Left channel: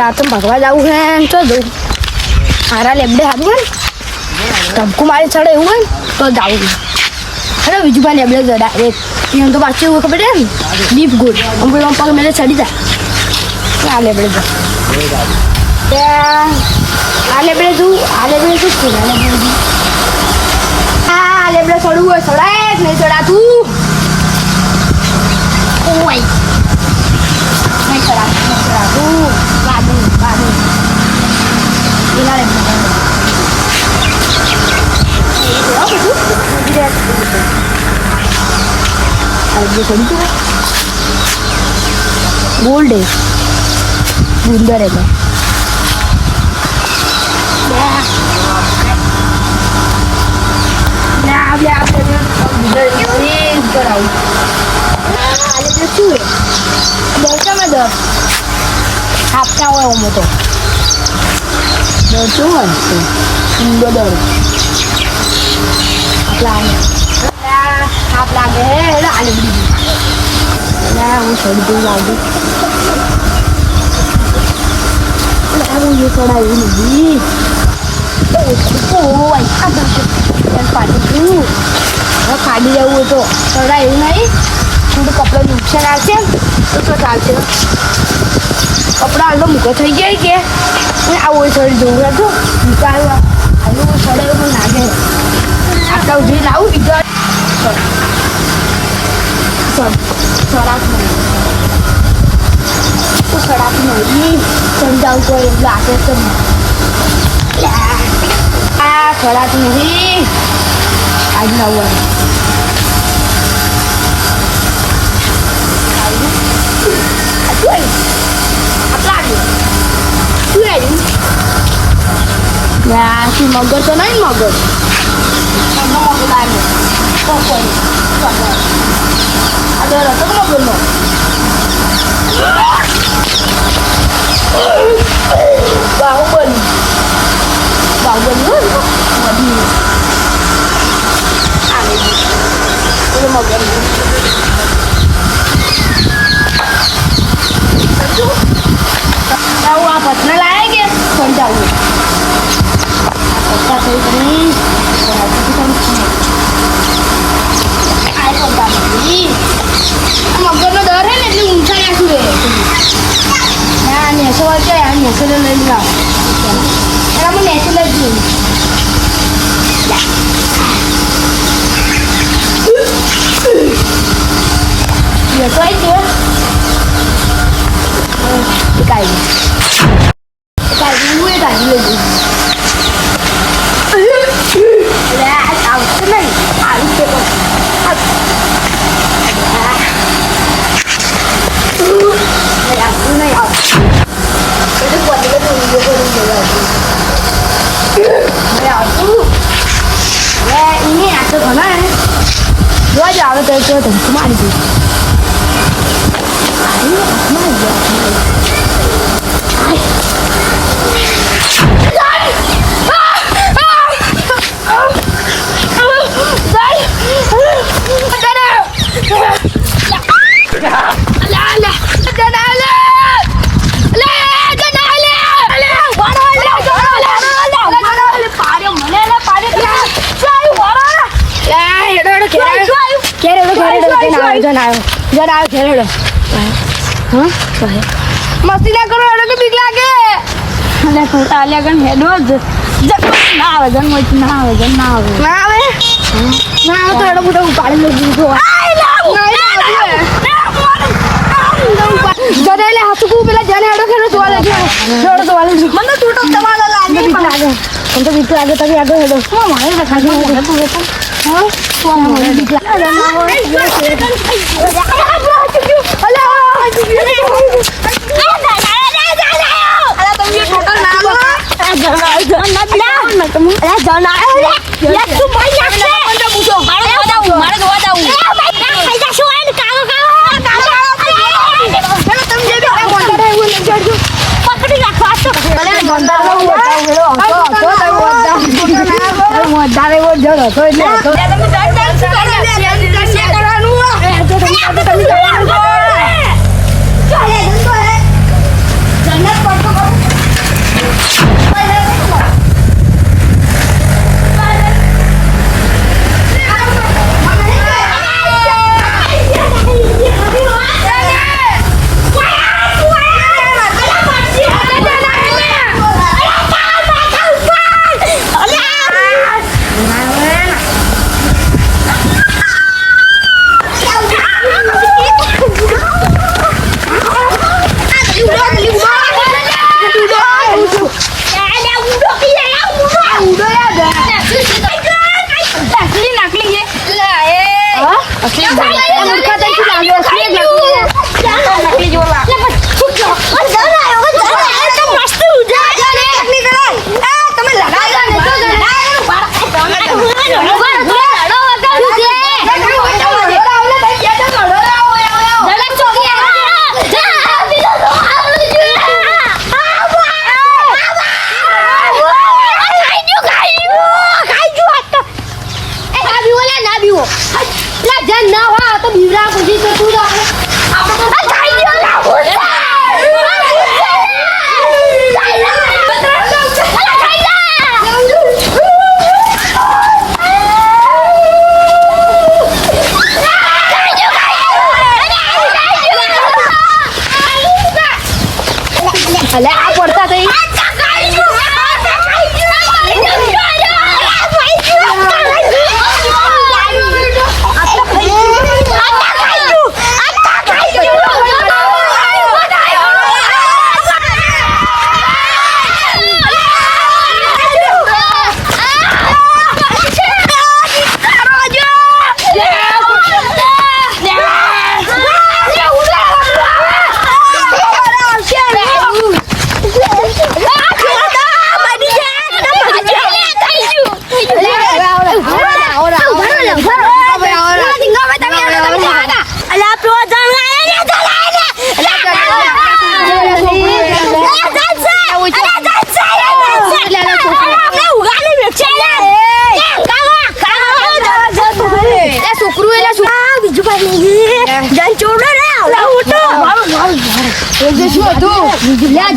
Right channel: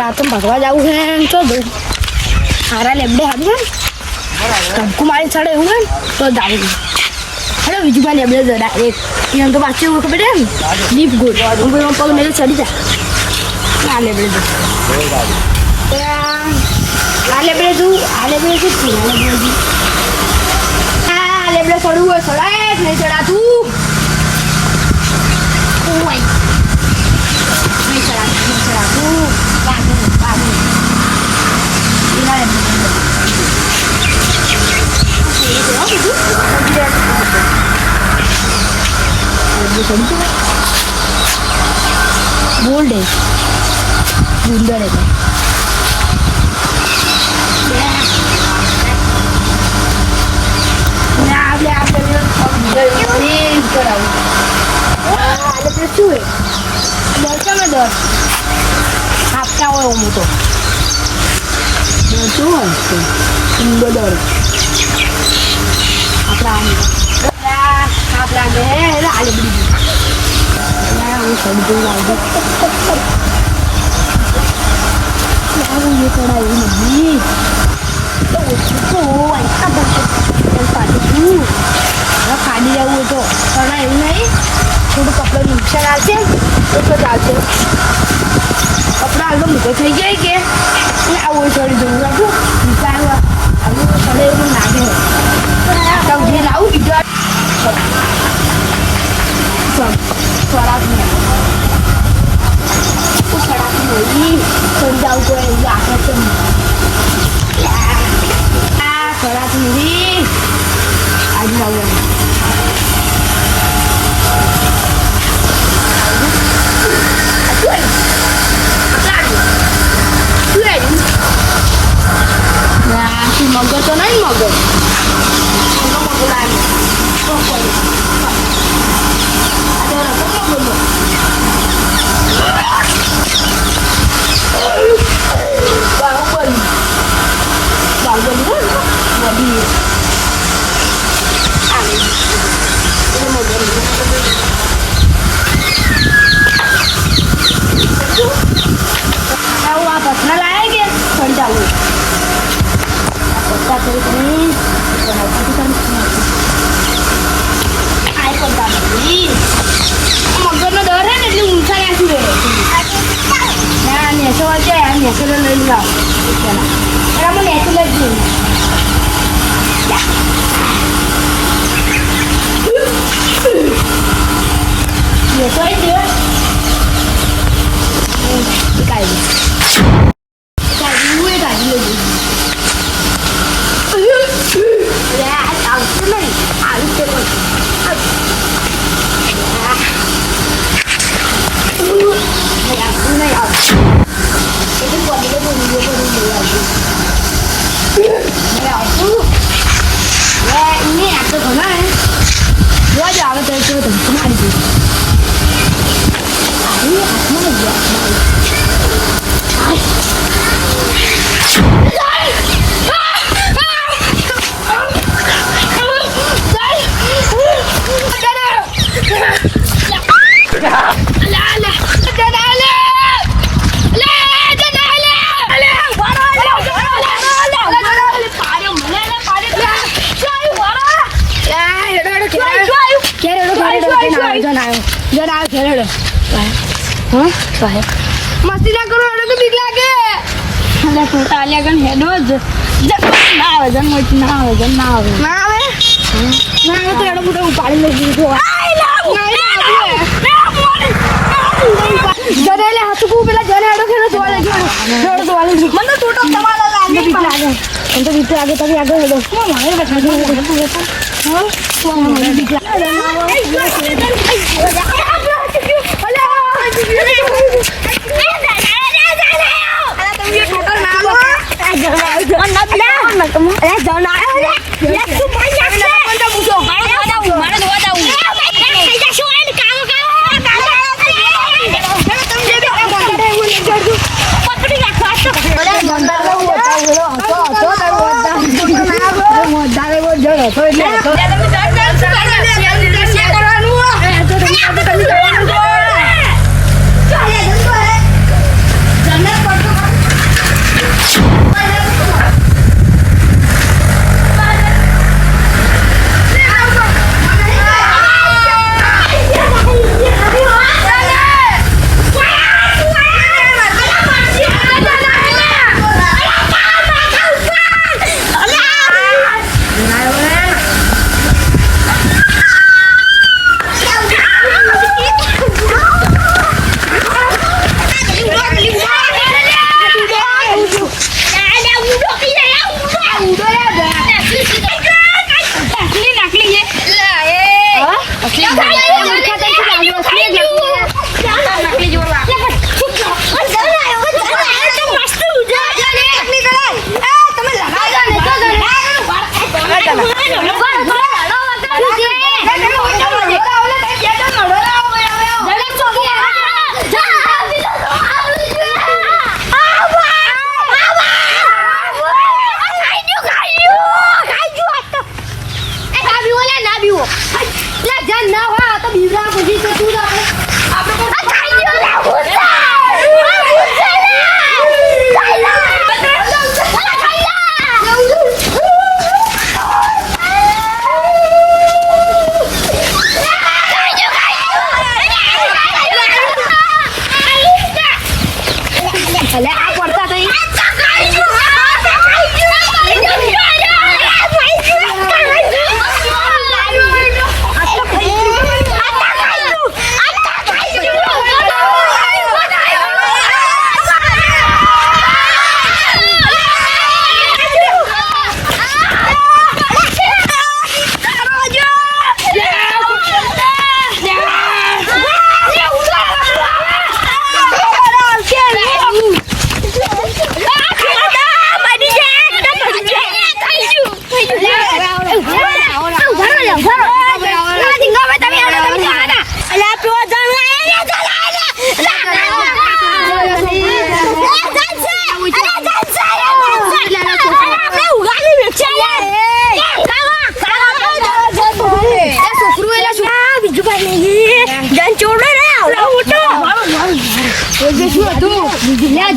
દાંતમ ભગવા જવું છે તો જવું મારા લેબડે હારું હોય ધમકું મારી ચડે એવું હોય તો જવું અરે બીજું ભાઈ લેબડે જરા એને તો પાછું એવું ખબર છે ને ડીપ ગોળ હું પગ મેળે ચડી જાય આ લેબડે જો આ લેબડે જવું આ લેબડે શું છે આ લેબડે જવું આ લેબડે ચડવું હોય ચડાય જ નહીં ચડાતું ઓય નહીં ચડાતું બાબી गोल्ड है सुंदर है આપતા હોય હું તો શું હોય સુંદર आप लागे है आलू बड़ी वो सड़ी तो लागे वो ये थोड़ा ये नहीं तो उसको ऐसा बात पाटी तू वो खाली जाऊ तो थोड़ा ये नहीं थोड़ा कपड़ा नुकसान आते उसको डालते कपड़ा आलू मुको થઈ જાય કે આ वो सड़ी दूंगा तो निकालवा आलू वो सड़े वो नागे आता उधे लाऊ इधर सड़क में वो सड़क नहीं समझाऊ को लाके तो सड़क नहीं आज ना हुआ मगर तो नहीं मगर ada apa belum? Bawon luôn, waduh. Aneh. Ini mau gani. Tahu apa? Nalaige, kon tahu. Apa ini? Kon tahu itu kan semua. Ai kon tahu ini? મગરનો ડર હે ને એટલે ઊંચા નાખ્યું હે ના નેસો વાગે આ નેસો લઈ લાવ એના મને નેસો લઈ દઉં નેસો આવી ગયો કાઢી હું એ કાઢી લઈ દઉં આવશે નહીં આવી છે પણ नहीं आप itu buat dia pun dia pun lagi मैं आटू मैं इन्हें आटो खाना है दो जावे तो तुम तुम्हारी जी अरे आत्मा है मस्ती ना करो हेडो के बीक लागे अरे छोटा आलिया गन हेडो ना आवे जन मोच ना आवे तो हेडो बुटा उपाड़ी लगी तो आई ना जनेले हाथ को पहला जने हेडो खेलो तो वाले मन तो टूटो दबाला लागे बीक लागे हम तो बीक लागे तभी आगे हेडो मारे बैठा दो हां तो हमारे बीक लागे जन्नत અલે આ પડતા થઈ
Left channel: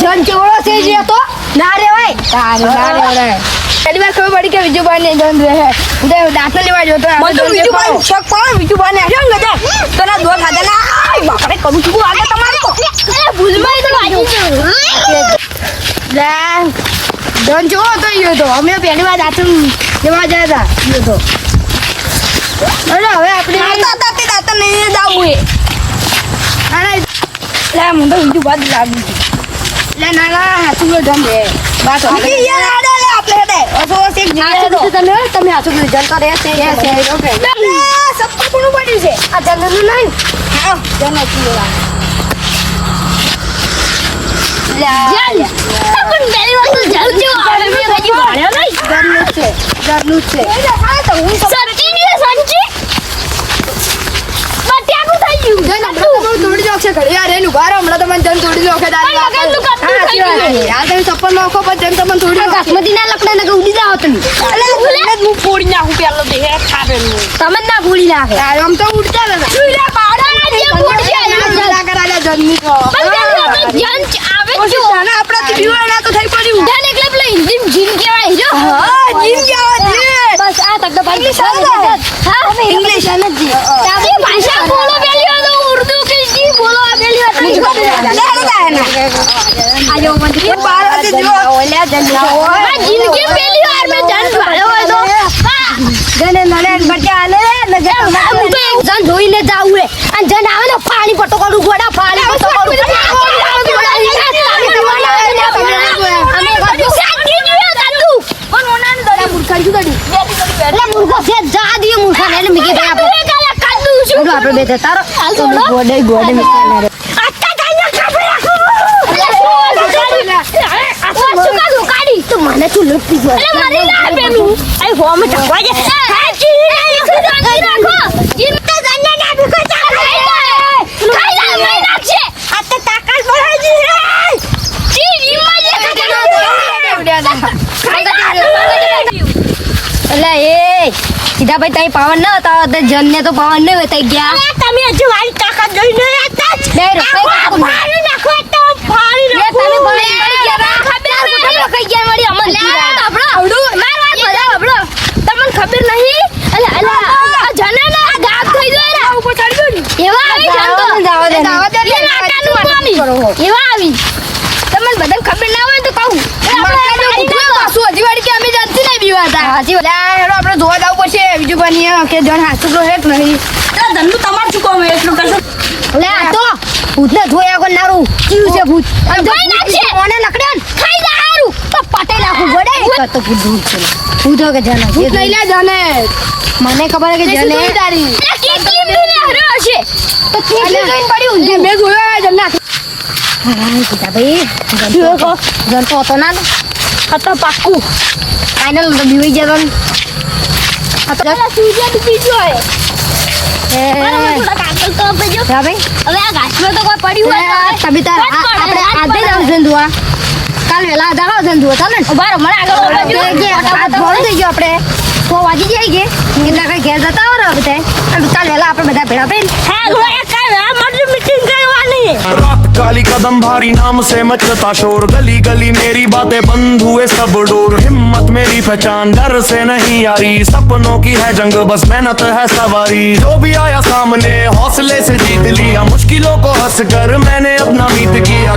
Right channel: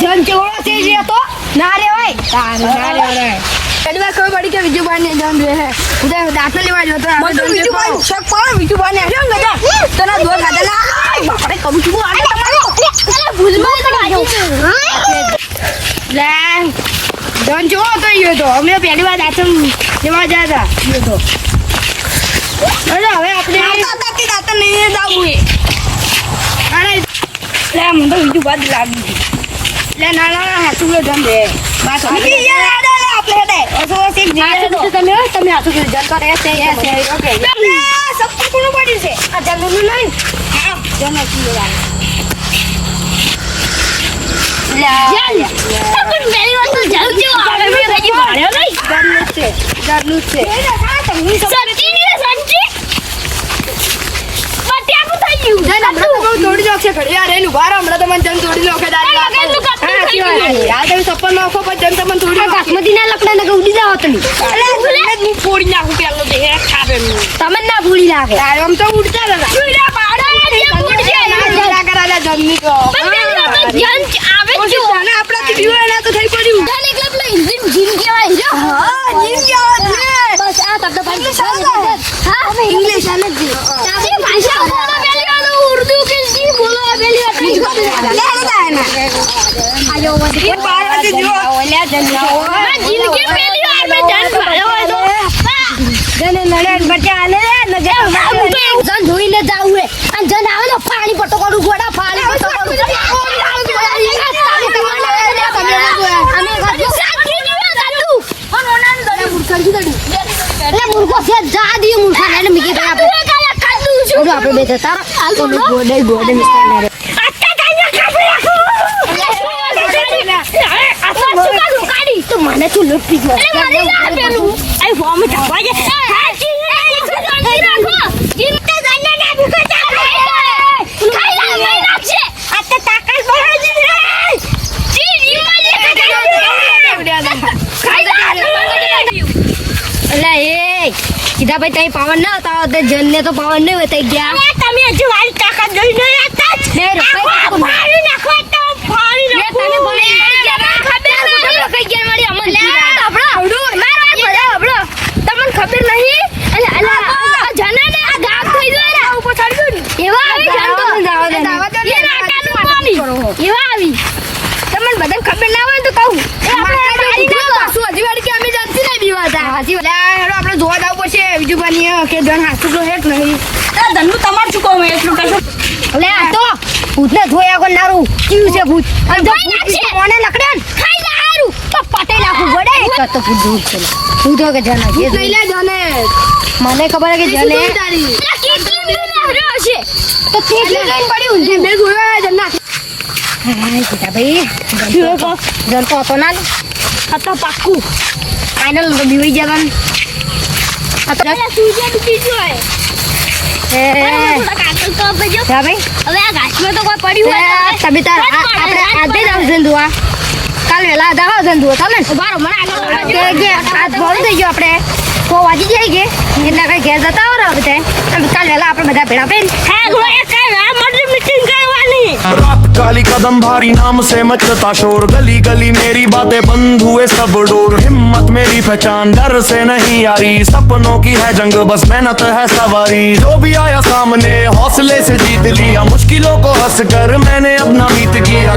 જન ચેવડો છે જે તો ના રેવાય પહેલી વાર ખબર પડી કે વિજુભાઈ ને જન રહે દાખલા લેવા જો તો વિજુભાઈ શક પણ વિજુભાઈ ને આવ્યો ને તો ના દો ખાધા ના બાપરે કબુ ચૂકું આગળ તમારો ભૂલમાં તો વાજી લે જન ચેવડો તો યો તો અમે પહેલી વાર દાખલ લેવા ગયા હતા યો તો અરે હવે આપણે દાતા નહીં દાવું એ અરે લે મને બીજું બાદ લાગી લે ના હાથું જમ રે બસ યાર આડા લે આપણે હેડે ઓસો એક જીએ તો તમે હાથું જલ કરે છે ઓકે સબ કોનું પડ્યું છે આ જલનું નહીં હા જલ નથી લેવા લે પણ મેરી વાત તો જલ છે આપણે મે રહી ભાડ્યો નહીં જલનું છે સંચી ને સંચી થોડી જોક છે ઘડી યાર એનું બાર હમણાં તો મને જન થોડી જોકે દાદી યાર તમે સપન નોખો પણ જન તમને થોડી બાસમતી ના લકડા ને ઉડી જાવ તમે હું ફોડી નાખું પેલો બે હે ખાબે તમે ના ફોડી નાખે આમ તો ઉડતા હતા સુઈલા બાડા જે ફોડી જાય કરાલા જનની તો જન આવે જો ના આપડા થી બીવા ના તો થઈ પડ્યું જન એકલા પેલા ઇન્જિન જીન કેવાય જો હા જીન કેવાય બસ આ તક ભાઈ હા અમે ઇંગ્લિશ સમજી તારી ભાષા બોલો પેલી ઉર્દુ કે જી બોલો પેલી વાત આયો મંદી 12 વાગે જો ઓલ્યા જન લાવો જીન કે પેલી વાર મે જન ભાયો હોય તો જન નલે બટે આલે લગે જન ધોઈને જાવું હે અને જન આવે તો પાણી પટો કરું ગોડા પાણી પટો કરું અમે ગજો સાચી જોયો જાતું પણ ઓનાન દડા મૂર્ખા દીધી એટલે મૂર્ખો છે જા દિયો મૂર્ખા ને મીકે તો આપણે આપણે બે તારો ગોડે નિકાલ રે આતા કાઈ કાપી રાખો આ સુકા લુકાડી તો મને તું લૂટી જો એટલે મારી ના પેલું આ ફોર્મ છપવા જે સાચી રાખો જીમતે જન્ને ના ભૂકો ચા ખાઈ લે મઈ નાખશે આતા તાકાલ બહાજી રે જી રીમાં જે એટલે એ સીધા ભાઈ તાઈ પાવન ન હતા તો જનને તો પાવન નહીં હોતા ગયા તમે હજુ મારી તાકાત જોઈ ન હતા બે રૂપિયા મારી નાખો તો ફાડી નાખો તમે ભલે ખબર કઈ ગયા મળી અમન આપણો આવડું માર વાત બધા આપણો તમને ખબર નહીં અલે આ જનાના ગામ થઈ ગયો રે ઉપર ચડી ગયો એવા આવી જાન તો એ નાકાનું પાણી એવા આવી તમને બધાને ખબર ના હોય તો કહું એ આપણે મારી નાખો શું હજી વાડી કે અમે જાતી નહીં બીવાતા હાજી આપણે જોવા જવું પડશે વિજુભાઈ કે જણ હાથું તો હેક નહીં ધનનું તમાર શું કહો એટલું કરશો લે આ તો ભૂતને ધોયા કોણ નારું ચીવ છે ભૂત અને જો કોને લકડે ખાઈ જા હારું તો પટેલ આખું ગોડે તો ભૂત દૂર છે ભૂત કે જને ભૂત નહીં લે જને મને ખબર કે જને કેટલી મિલી આવ્યો છે તો કેટલી જોઈન પડ્યું જે મે જોયા જન્ના હાય બેટા ભાઈ જન તો હતો ના હતો પાક્કું ફાઇનલ તો બીવી જવાનું અત્યારે સૂર્ય બીજી જો હે થોડા કાકલ તો આપજો હા ભાઈ હવે આ ઘાસમાં તો કોઈ પડ્યું હોય તમે તાર આપણે આજે જ આવજન દુઆ કાલ વેલા આધા આવજન દુઆ ચાલે ને બાર મને આગળ કે આજ ભોળ થઈ ગયો આપણે તો વાજી જાય કે એટલે કઈ ઘેર જતા હો રહો તે કાલ વેલા આપણે બધા ભેળા પેન હા ગોયા કાલ આ મર્ડ મીટિંગ કરવાની रात काली कदम भारी नाम से मचता शोर गली गली मेरी बातें बंद हुए सब डोर हिम्मत मेरी पहचान डर से नहीं आ रही सपनों की है जंग बस मेहनत है सवारी जो भी आया सामने हौसले से जीत लिया मुश्किलों को हंस कर मैंने अपना बीत किया